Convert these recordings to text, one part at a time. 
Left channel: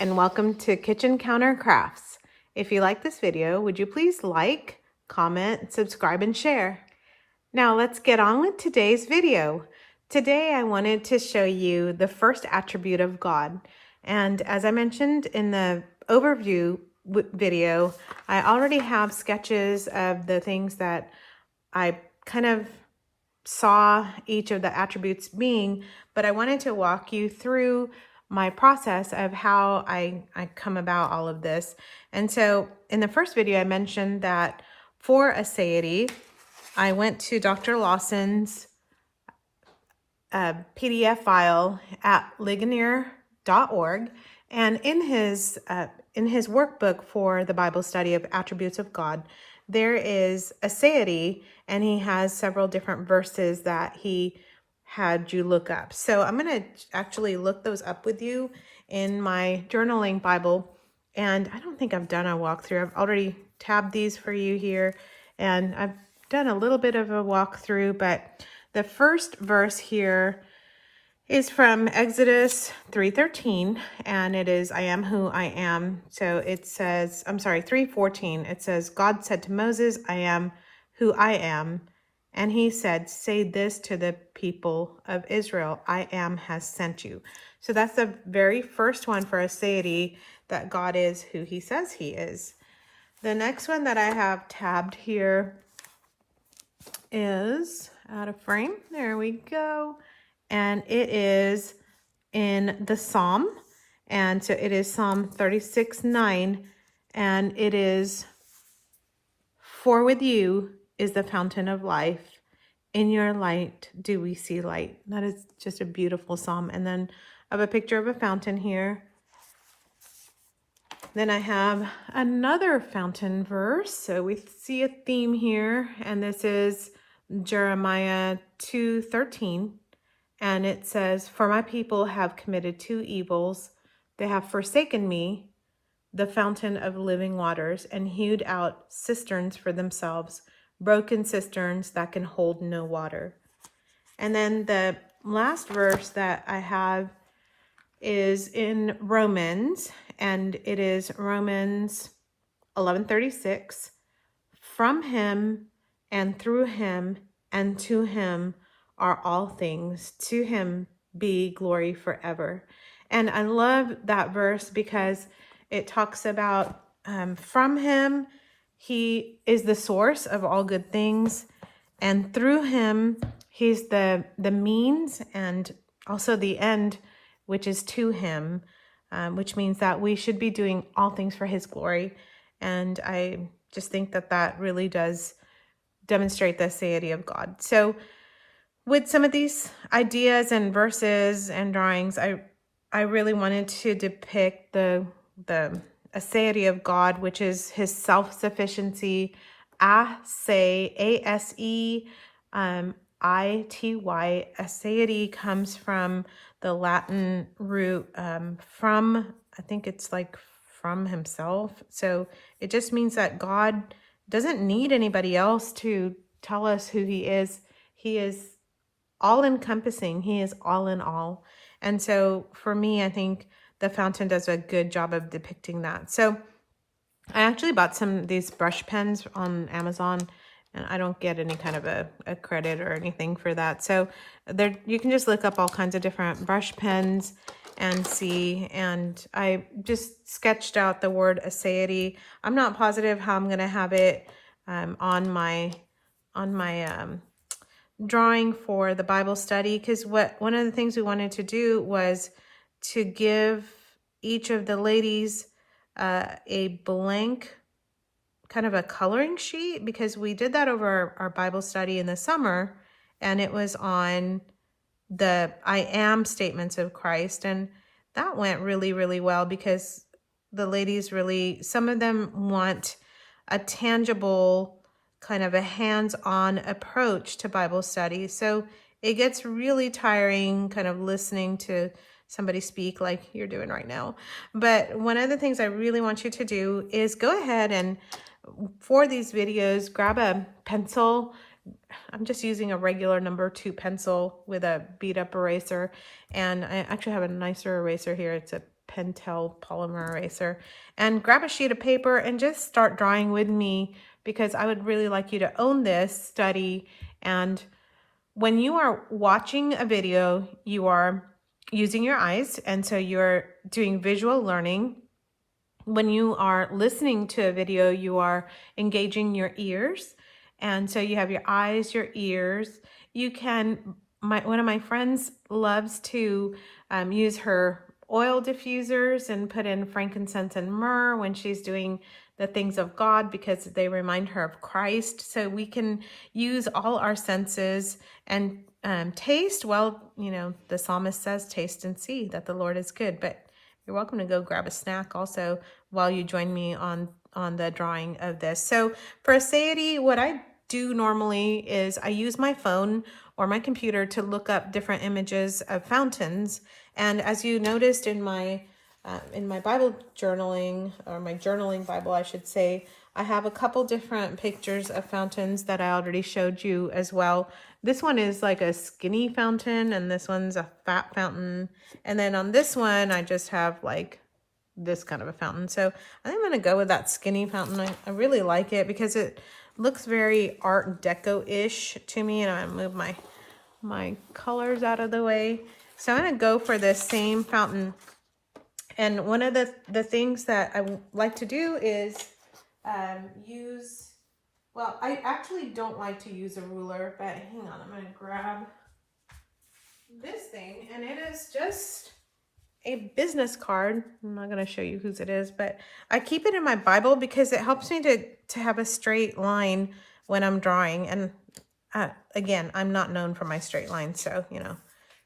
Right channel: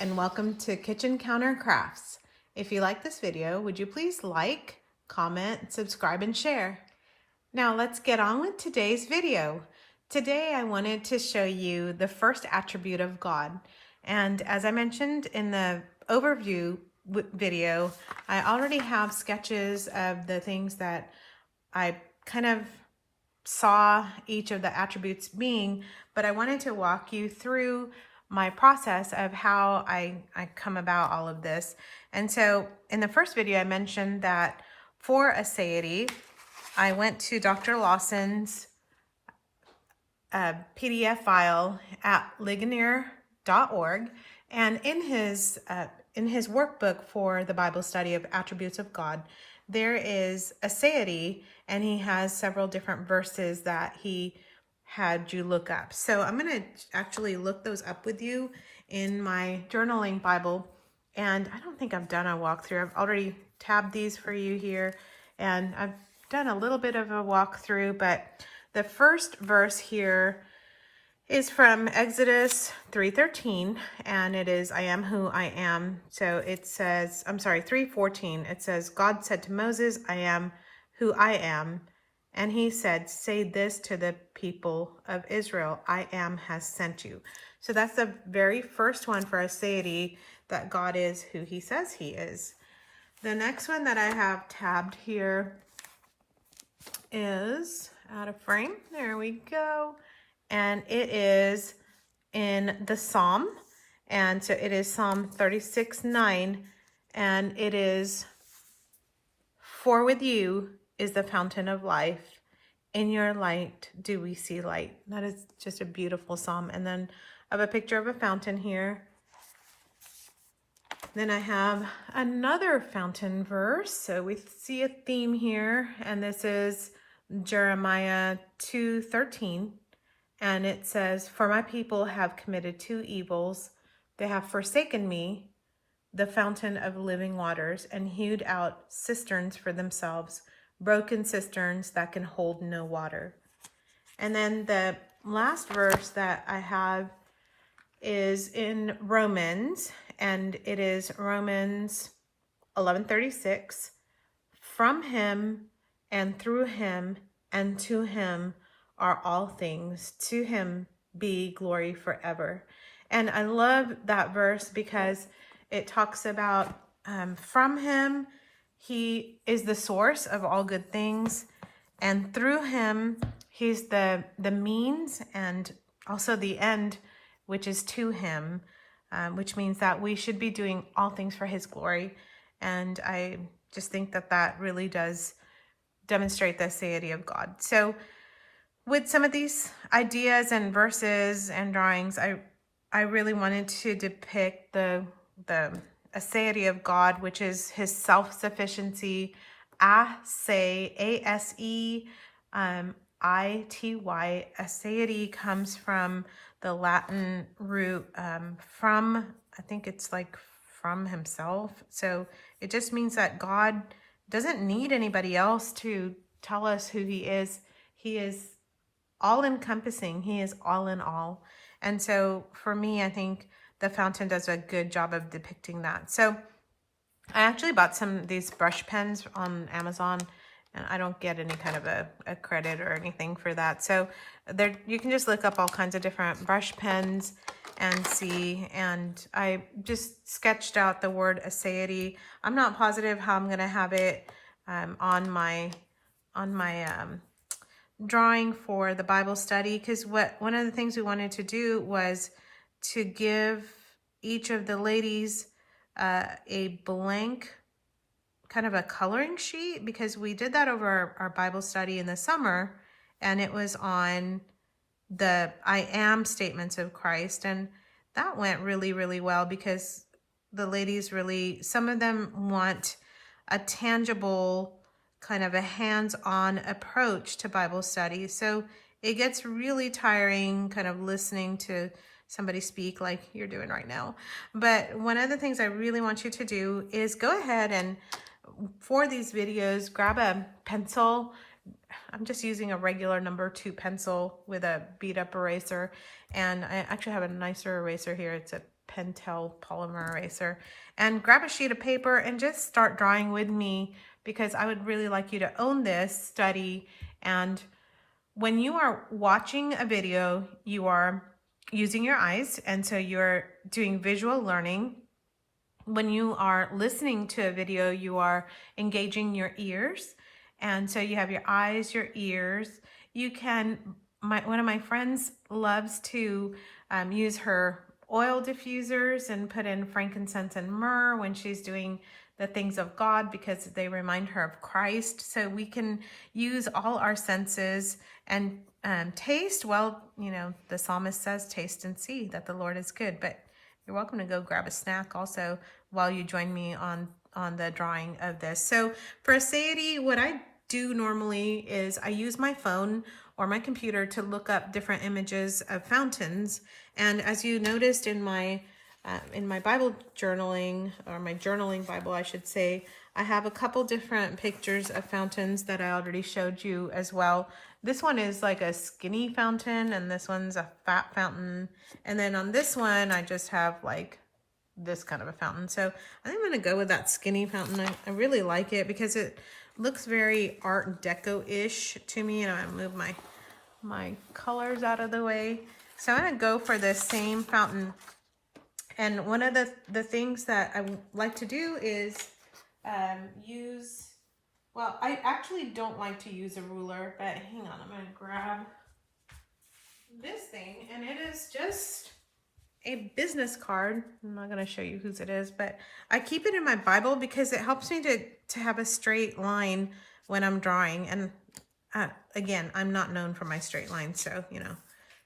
and welcome to Kitchen Counter Crafts. If you like this video, would you please like, comment, subscribe, and share? Now let's get on with today's video. Today I wanted to show you the first attribute of God. And as I mentioned in the overview video, I already have sketches of the things that I kind of saw each of the attributes being, but I wanted to walk you through my process of how I come about all of this. And so in the first video, I mentioned that for ASEITY, I went to Dr. Lawson's PDF file at Ligonier.org, and in his workbook for the Bible study of attributes of God, there is ASEITY, and he has several different verses that he had you look up. So I'm going to actually look those up with you in my journaling Bible. And I don't think I've done a walkthrough. I've already tabbed these for you here, and I've done a little bit of a walkthrough, but the first verse here is from Exodus 3:13, and it is, I am who I am. So it says, 3:14, it says, God said to Moses, I am who I am. And he said, say this to the people of Israel, I am has sent you. So that's the very first one for ASEITY, that God is who he says he is. The next one that I have tabbed here is out of frame. There we go. And it is in the Psalm. And so it is Psalm 36:9. And it is, for with you is the fountain of life. In your light do we see light. That is just a beautiful psalm. And then I have a picture of a fountain here. Then I have another fountain verse. So we see a theme here. And this is Jeremiah 2:13. And it says, for my people have committed two evils. They have forsaken me, the fountain of living waters, and hewed out cisterns for themselves, broken cisterns that can hold no water. And then the last verse that I have is in Romans, and it is Romans 11:36. From him and through him and to him are all things. To him be glory forever. And I love that verse because it talks about from him, he is the source of all good things, and through him, he's the means and also the end, which is to him, which means that we should be doing all things for his glory. And I just think that that really does demonstrate the ASEITY of God. So with some of these ideas and verses and drawings, I really wanted to depict the ASEITY of God, which is his self-sufficiency. ASEITY. ASEITY comes from the Latin root from, I think it's like from himself. So it just means that God doesn't need anybody else to tell us who he is. He is all-encompassing. He is all in all. And so for me, I think the fountain does a good job of depicting that. So I actually bought some of these brush pens on Amazon, and I don't get any kind of a credit or anything for that. So there, you can just look up all kinds of different brush pens and see. And I just sketched out the word ASEITY. I'm not positive how I'm going to have it on my drawing for the Bible study, because one of the things we wanted to do was to give each of the ladies a blank kind of a coloring sheet, because we did that over our Bible study in the summer, and it was on the I am statements of Christ, and that went really, really well, because the ladies really, some of them want a tangible kind of a hands-on approach to Bible study. So it gets really tiring kind of listening to somebody speak like you're doing right now. But one of the things I really want you to do is go ahead and for these videos, grab a pencil. I'm just using a regular number 2 pencil with a beat up eraser. And I actually have a nicer eraser here. It's a Pentel polymer eraser, and grab a sheet of paper and just start drawing with me, because I would really like you to own this study. And when you are watching a video, you are using your eyes, and so you're doing visual learning. When you are listening to a video, you are engaging your ears, and so you have your eyes, your ears. You can, one of my friends loves to use her oil diffusers and put in frankincense and myrrh when she's doing the things of God, because they remind her of Christ. So we can use all our senses and taste. Well, you know, the psalmist says, taste and see that the Lord is good. But you're welcome to go grab a snack also while you join me on the drawing of this. So for ASEITY, what I do normally is I use my phone or my computer to look up different images of fountains. And as you noticed in my Bible journaling, or my journaling Bible, I should say, I have a couple different pictures of fountains that I already showed you as well. This one is like a skinny fountain, and this one's a fat fountain. And then on this one, I just have like this kind of a fountain. So I think I'm going to go with that skinny fountain. I really like it because it looks very Art Deco-ish to me. And I move my colors out of the way. So I'm going to go for this same fountain. And one of the things that I like to do is use, well, I actually don't like to use a ruler, but hang on, I'm going to grab this thing, and it is just a business card. I'm not going to show you whose it is, but I keep it in my Bible because it helps me to have a straight line when I'm drawing. And again, I'm not known for my straight lines, so, you know,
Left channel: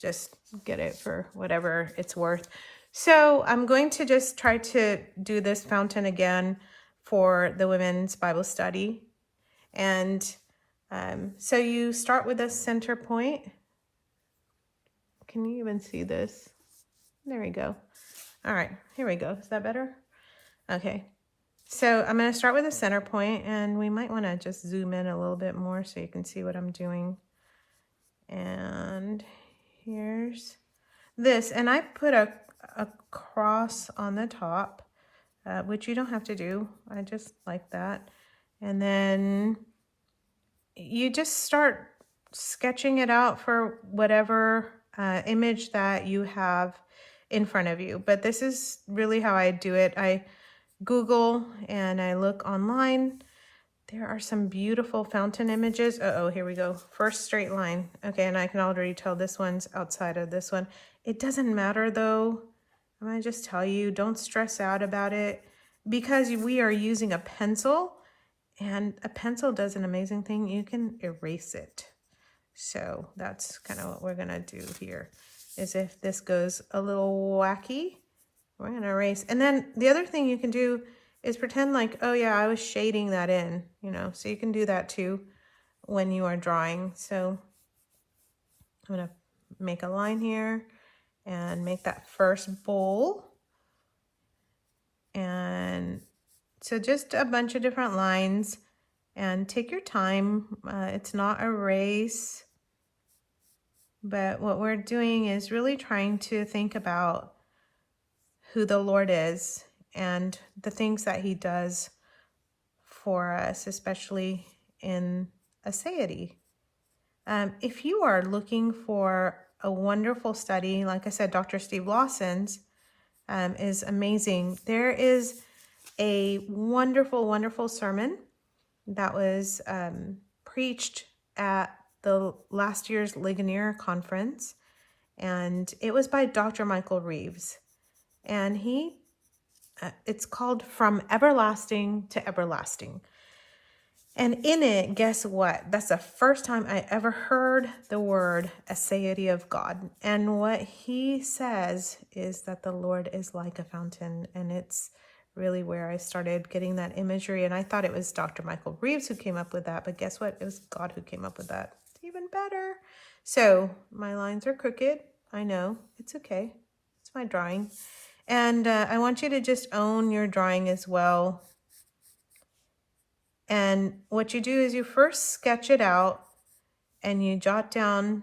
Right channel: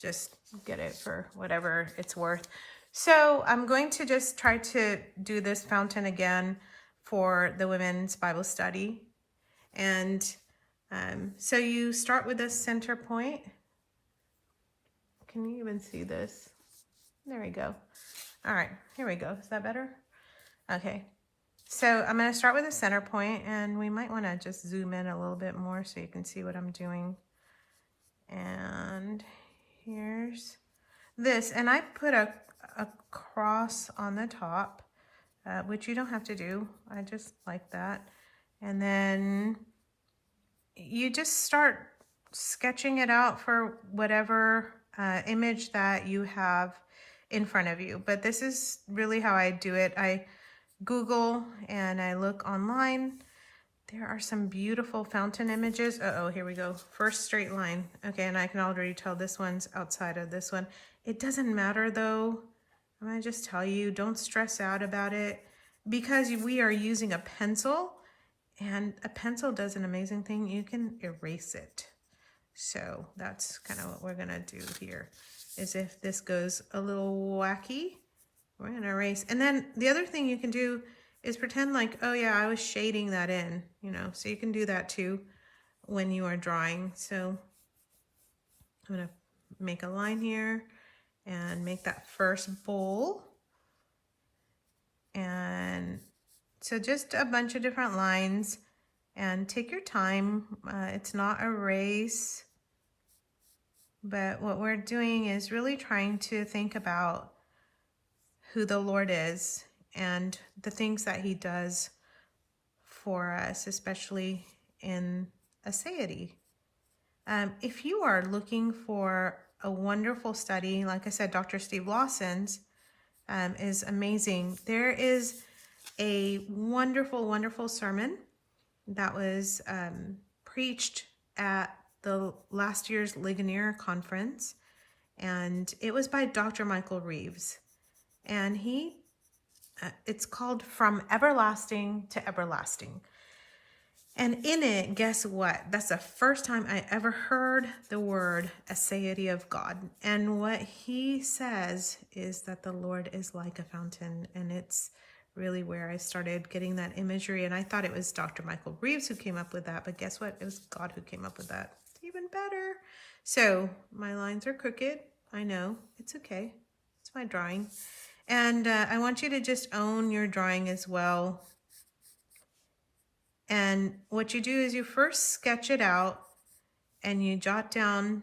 just get it for whatever it's worth. So I'm going to just try to do this fountain again for the women's Bible study. And so you start with a center point. Can you even see this? There we go. All right, here we go. Is that better? Okay. So I'm going to start with a center point, and we might want to just zoom in a little bit more so you can see what I'm doing. And here's this, and I put a cross on the top, which you don't have to do. I just like that. And then you just start sketching it out for whatever image that you have in front of you. But this is really how I do it. I Google and I look online. There are some beautiful fountain images. Uh-oh, here we go. First straight line. Okay, and I can already tell this one's outside of this one. It doesn't matter though. I'm going to just tell you, don't stress out about it, because we are using a pencil, and a pencil does an amazing thing. You can erase it. So that's kind of what we're going to do here, is if this goes a little wacky, we're going to erase. And then the other thing you can do is pretend like, oh yeah, I was shading that in, you know, so you can do that too when you are drawing. So I'm going to make a line here and make that first bowl. And so just a bunch of different lines, and take your time. It's not a race, but what we're doing is really trying to think about who the Lord is and the things that he does for us, especially in ASEITY. If you are looking for a wonderful study, like I said, Dr. Steve Lawson's is amazing. There is a wonderful, wonderful sermon that was preached at the last year's Ligonier conference, and it was by Dr. Michael Reeves, and it's called From Everlasting to Everlasting. And in it, guess what? That's the first time I ever heard the word ASEITY of God. And what he says is that the Lord is like a fountain. And it's really where I started getting that imagery. And I thought it was Dr. Michael Reeves who came up with that. But guess what? It was God who came up with that. Even better. So my lines are crooked. I know. It's okay. It's my drawing. And I want you to just own your drawing as well. And what you do is you first sketch it out and you jot down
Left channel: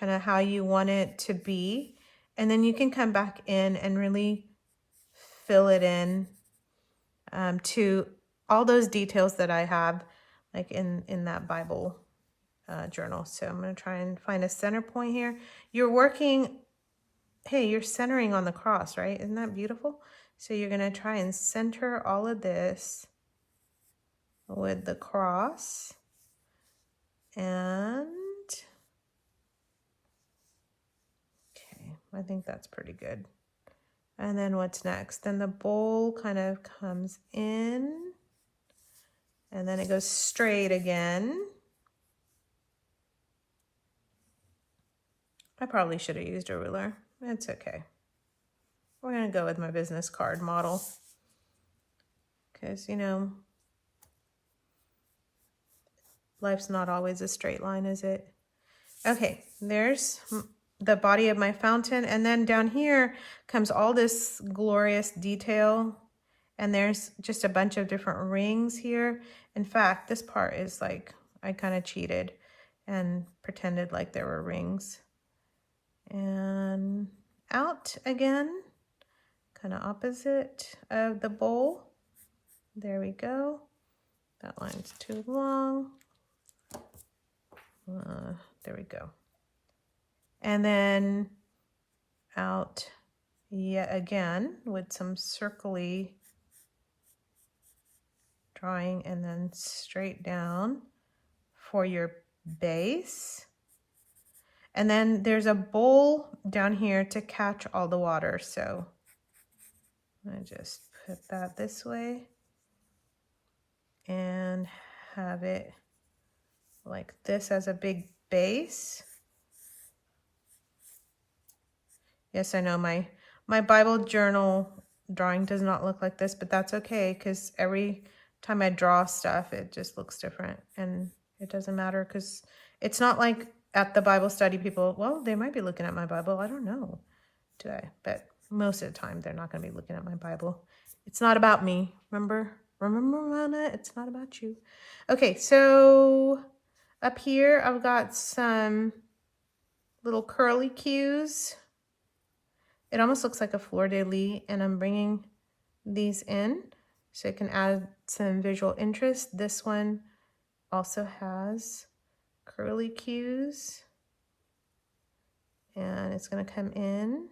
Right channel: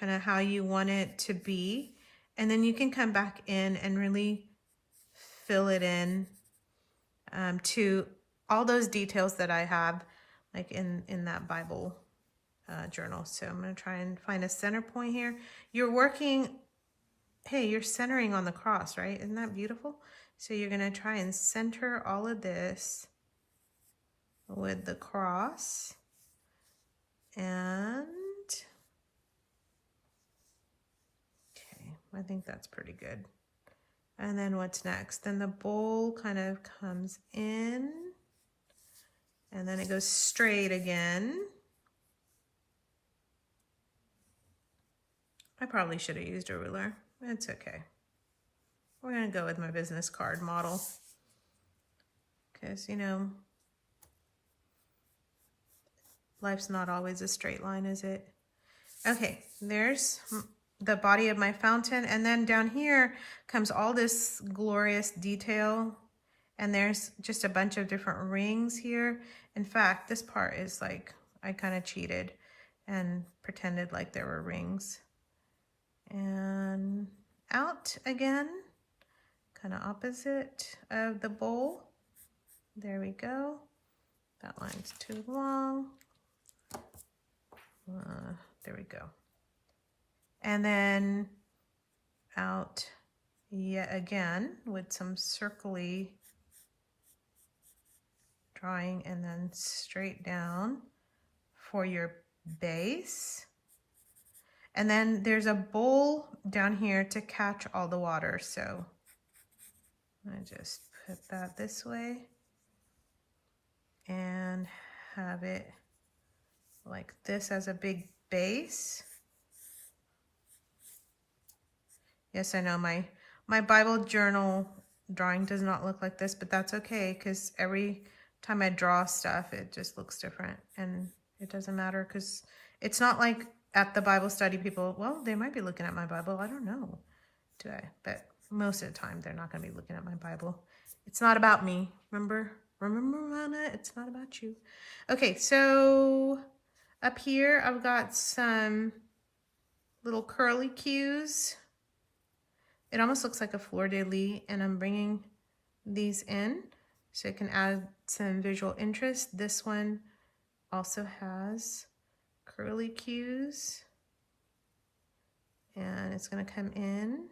kind of how you want it to be. And then you can come back in and really fill it in to all those details that I have like in that Bible journal. So I'm going to try and find a center point here. You're working, hey, you're centering on the cross, right? Isn't that beautiful? So you're going to try and center all of this with the cross. And okay, I think that's pretty good. And then what's next? Then the bowl kind of comes in and then it goes straight again. I probably should have used a ruler. It's okay. We're going to go with my business card model because, you know, life's not always a straight line, is it? Okay, there's the body of my fountain. And then down here comes all this glorious detail. And there's just a bunch of different rings here. In fact, this part is like, I kind of cheated and pretended like there were rings. And out again, kind of opposite of the bowl. There we go. That line's too long. There we go. And then out yet again with some circly drawing and then straight down for your base. And then there's a bowl down here to catch all the water. So I'm going to just put that this way and have it like this as a big base. Yes, I know my Bible journal drawing does not look like this, but that's okay because every time I draw stuff, it just looks different and it doesn't matter because it's not like at the Bible study people, well, they might be looking at my Bible. I don't know, do I? But most of the time, they're not going to be looking at my Bible. It's not about me. Remember, Rana, it's not about you. Okay, so up here, I've got some little curly cues. It almost looks like a fleur-de-lis, and I'm bringing these in so it can add some visual interest. This one also has curly cues, and it's going to come in.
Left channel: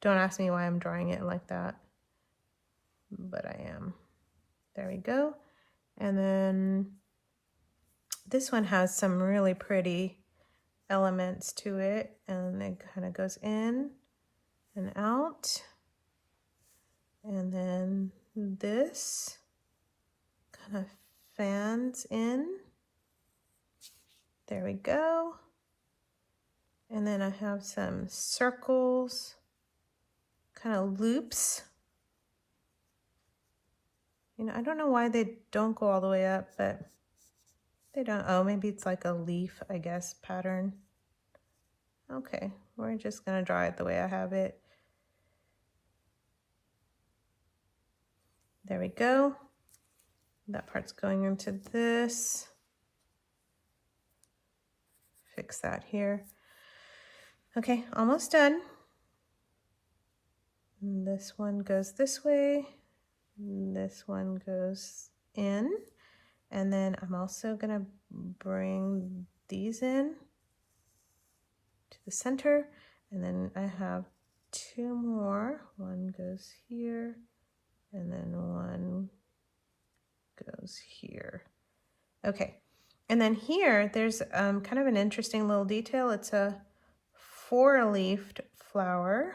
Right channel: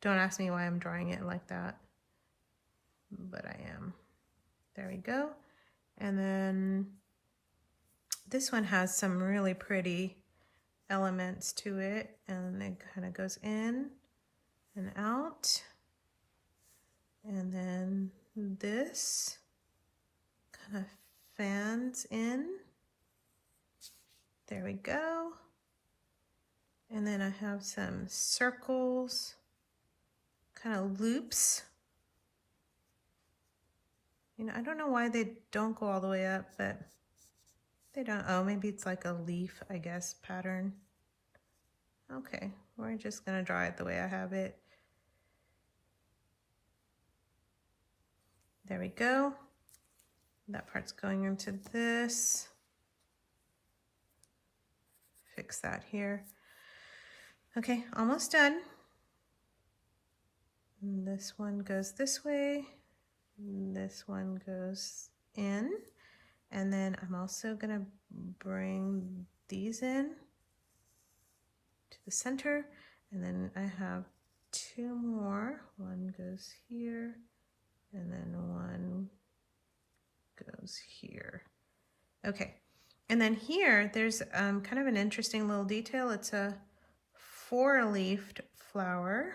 Don't ask me why I'm drawing it like that, but I am. There we go. And then this one has some really pretty elements to it, and it kind of goes in and out. And then this kind of fans in. There we go. And then I have some circles, kind of loops. You know, I don't know why they don't go all the way up, but they don't. Oh, maybe it's like a leaf, I guess, pattern. Okay, we're just gonna draw it the way I have it. There we go. That part's going into this. Fix that here. Okay, almost done. And this one goes this way. This one goes in. And then I'm also gonna bring these in to the center. And then I have two more. One goes here, and then one goes here. Okay, and then here there's kind of an interesting little detail. It's a four-leafed flower.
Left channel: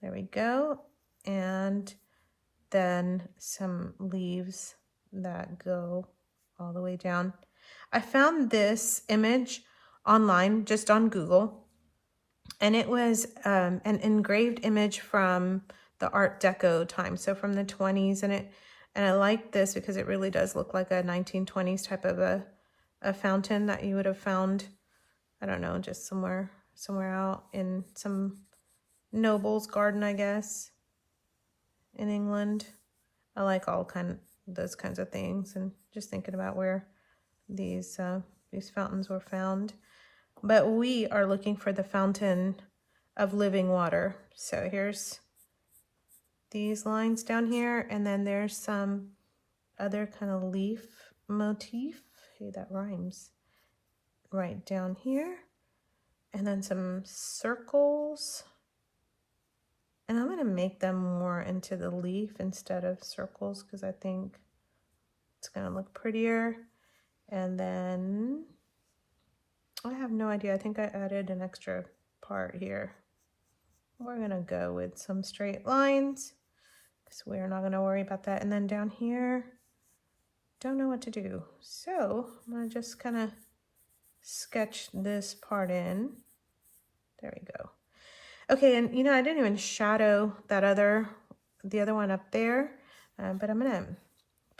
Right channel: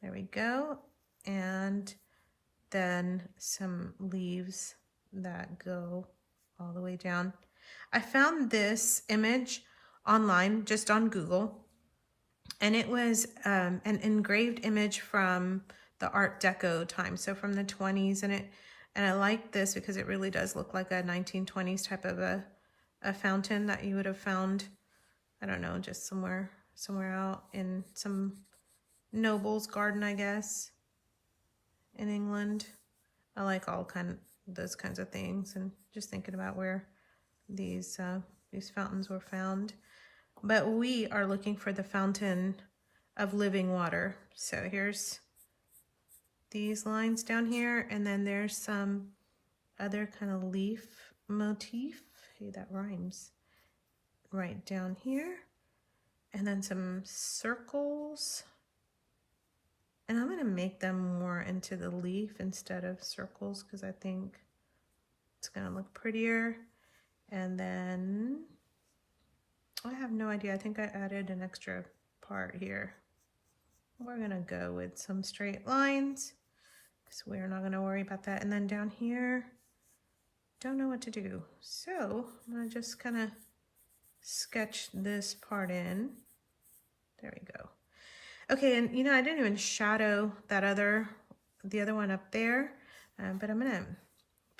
There we go. And then some leaves that go all the way down. I found this image online, just on Google, and it was an engraved image from the Art Deco time, so from the 20s, and I like this because it really does look like a 1920s type of a fountain that you would have found, I don't know, just somewhere out in some noble's garden, I guess, in England. I like all those kinds of things, and just thinking about where these fountains were found. But we are looking for the fountain of living water. So here's these lines down here, and then there's some other kind of leaf motif. Hey, that rhymes. Right down here. And then some circles. And I'm going to make them more into the leaf instead of circles because I think it's going to look prettier. And then I have no idea. I think I added an extra part here. We're going to go with some straight lines because we're not going to worry about that. And then down here, don't know what to do. So I'm going to just kind of sketch this part in. There we go. Okay, and you know, I didn't even shadow that the other one up there, but I'm gonna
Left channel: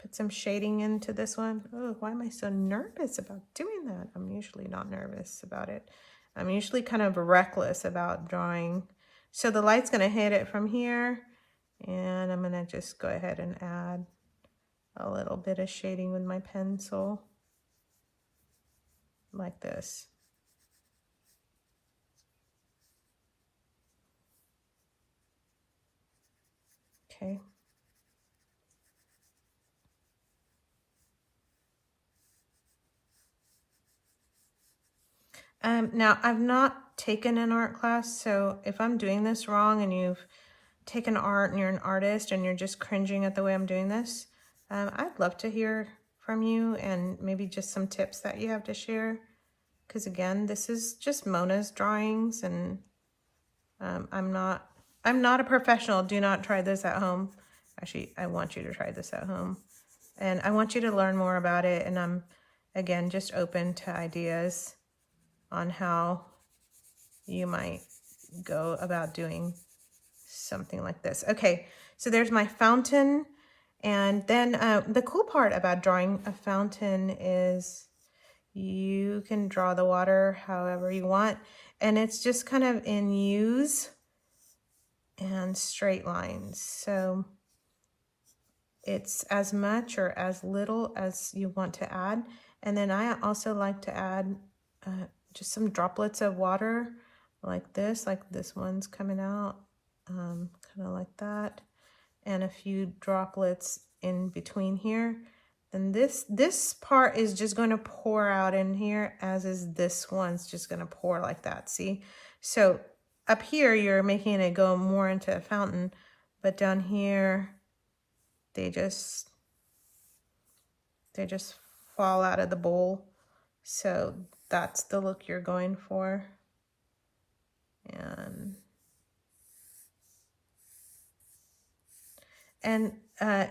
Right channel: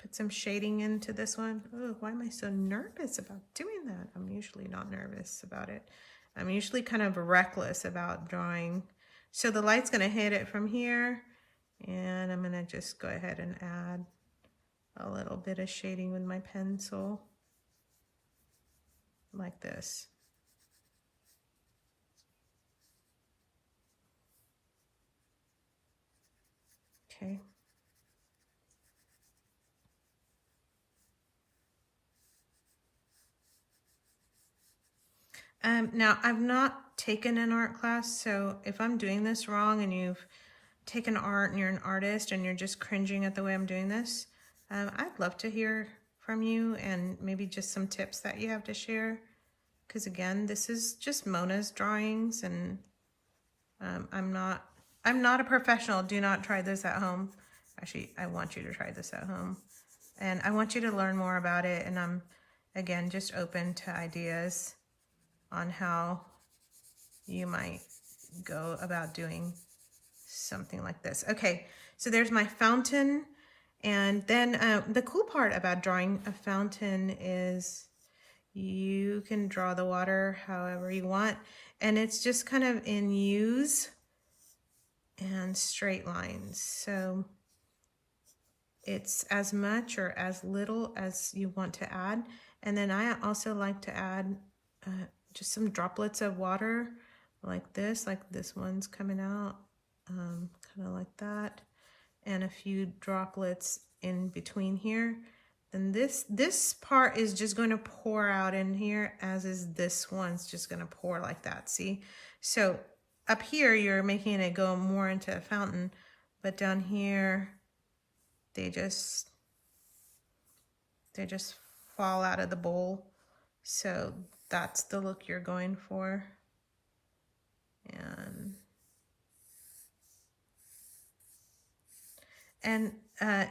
put some shading into this one. Oh, why am I so nervous about doing that? I'm usually not nervous about it. I'm usually kind of reckless about drawing. So the light's gonna hit it from here, and I'm gonna just go ahead and add a little bit of shading with my pencil, like this. Okay. Now, I've not taken an art class, so if I'm doing this wrong and you've taken art and you're an artist and you're just cringing at the way I'm doing this, I'd love to hear from you and maybe just some tips that you have to share. Because again, this is just Mona's drawings, and I'm not a professional. Do not try this at home. Actually, I want you to try this at home. And I want you to learn more about it. And I'm, again, just open to ideas on how you might go about doing something like this. Okay, so there's my fountain. And then the cool part about drawing a fountain is you can draw the water however you want. And it's just kind of in U's and straight lines. So it's as much or as little as you want to add. And then I also like to add just some droplets of water like this one's coming out, kind of like that. And a few droplets in between here. And this part is just going to pour out in here, as is this one's just going to pour like that, see? So up here, you're making it go more into a fountain, but down here, they just fall out of the bowl. So that's the look you're going for. And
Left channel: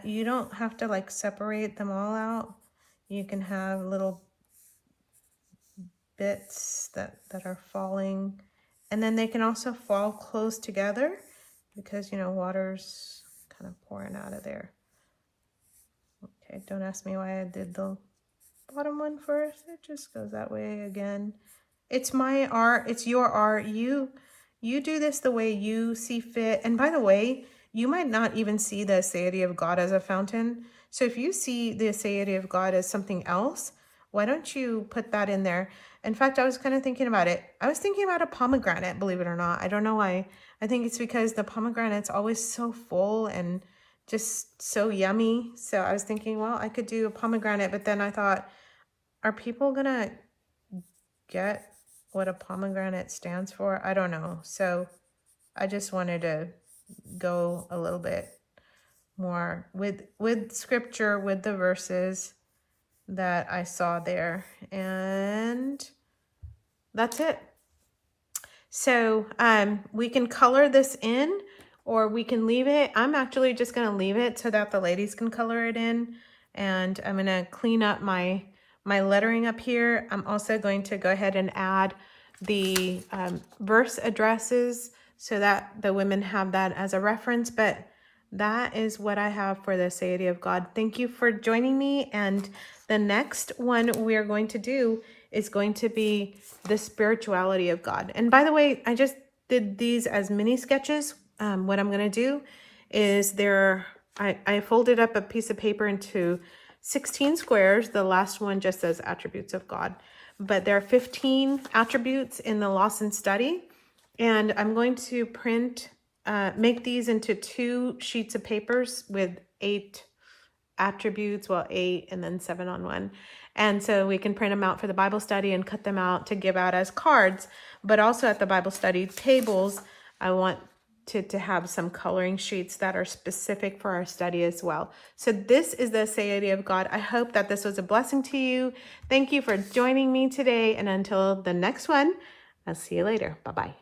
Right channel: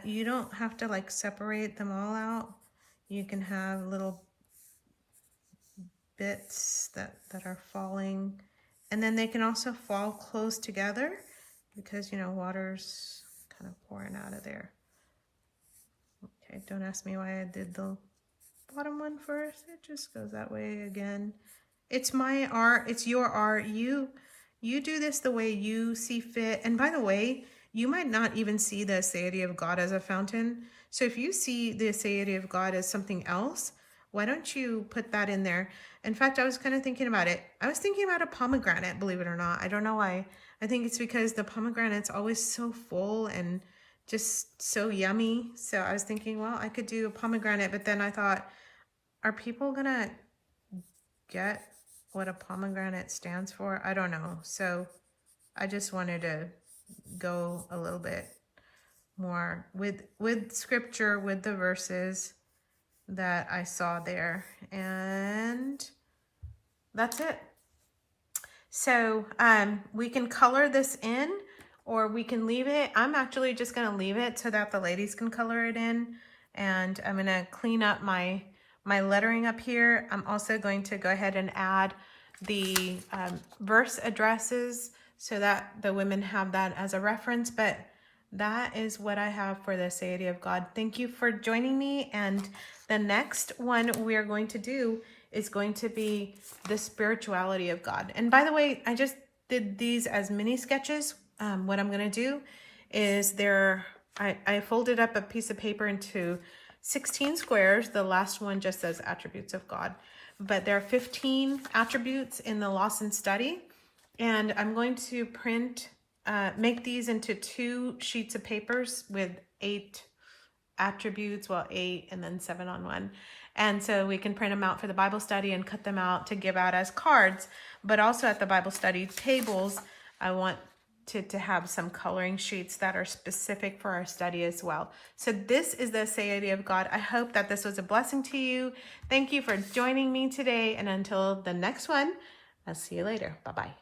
you don't have to like separate them all out. You can have little bits that are falling, and then they can also fall close together because, you know, water's kind of pouring out of there. Okay, don't ask me why I did the bottom one first. It just goes that way again. It's my art. It's your art. You do this the way you see fit. And by the way, you might not even see the ASEITY of God as a fountain. So if you see the ASEITY of God as something else, why don't you put that in there? In fact, I was kind of thinking about it. I was thinking about a pomegranate, believe it or not. I don't know why. I think it's because the pomegranate's always so full and just so yummy. So I was thinking, well, I could do a pomegranate, but then I thought, are people gonna get what a pomegranate stands for? I don't know. So I just wanted to go a little bit more with scripture, with the verses that I saw there, and that's it. So we can color this in, or we can leave it. I'm actually just going to leave it so that the ladies can color it in, and I'm going to clean up my lettering up here. I'm also going to go ahead and add the verse addresses so that the women have that as a reference. But that is what I have for the ASEITY of God. Thank you for joining me. And the next one we're going to do is going to be the spirituality of God. And by the way, I just did these as mini sketches. What I'm going to do is I folded up a piece of paper into 16 squares. The last one just says attributes of God. But there are 15 attributes in the Lawson study. And I'm going to make these into 2 sheets of papers with 8 attributes, well, 8 and then 7 on one. And so we can print them out for the Bible study and cut them out to give out as cards. But also at the Bible study tables, I want to have some coloring sheets that are specific for our study as well. So this is the ASEITY of God. I hope that this was a blessing to you. Thank you for joining me today. And until the next one, I'll see you later. Bye-bye.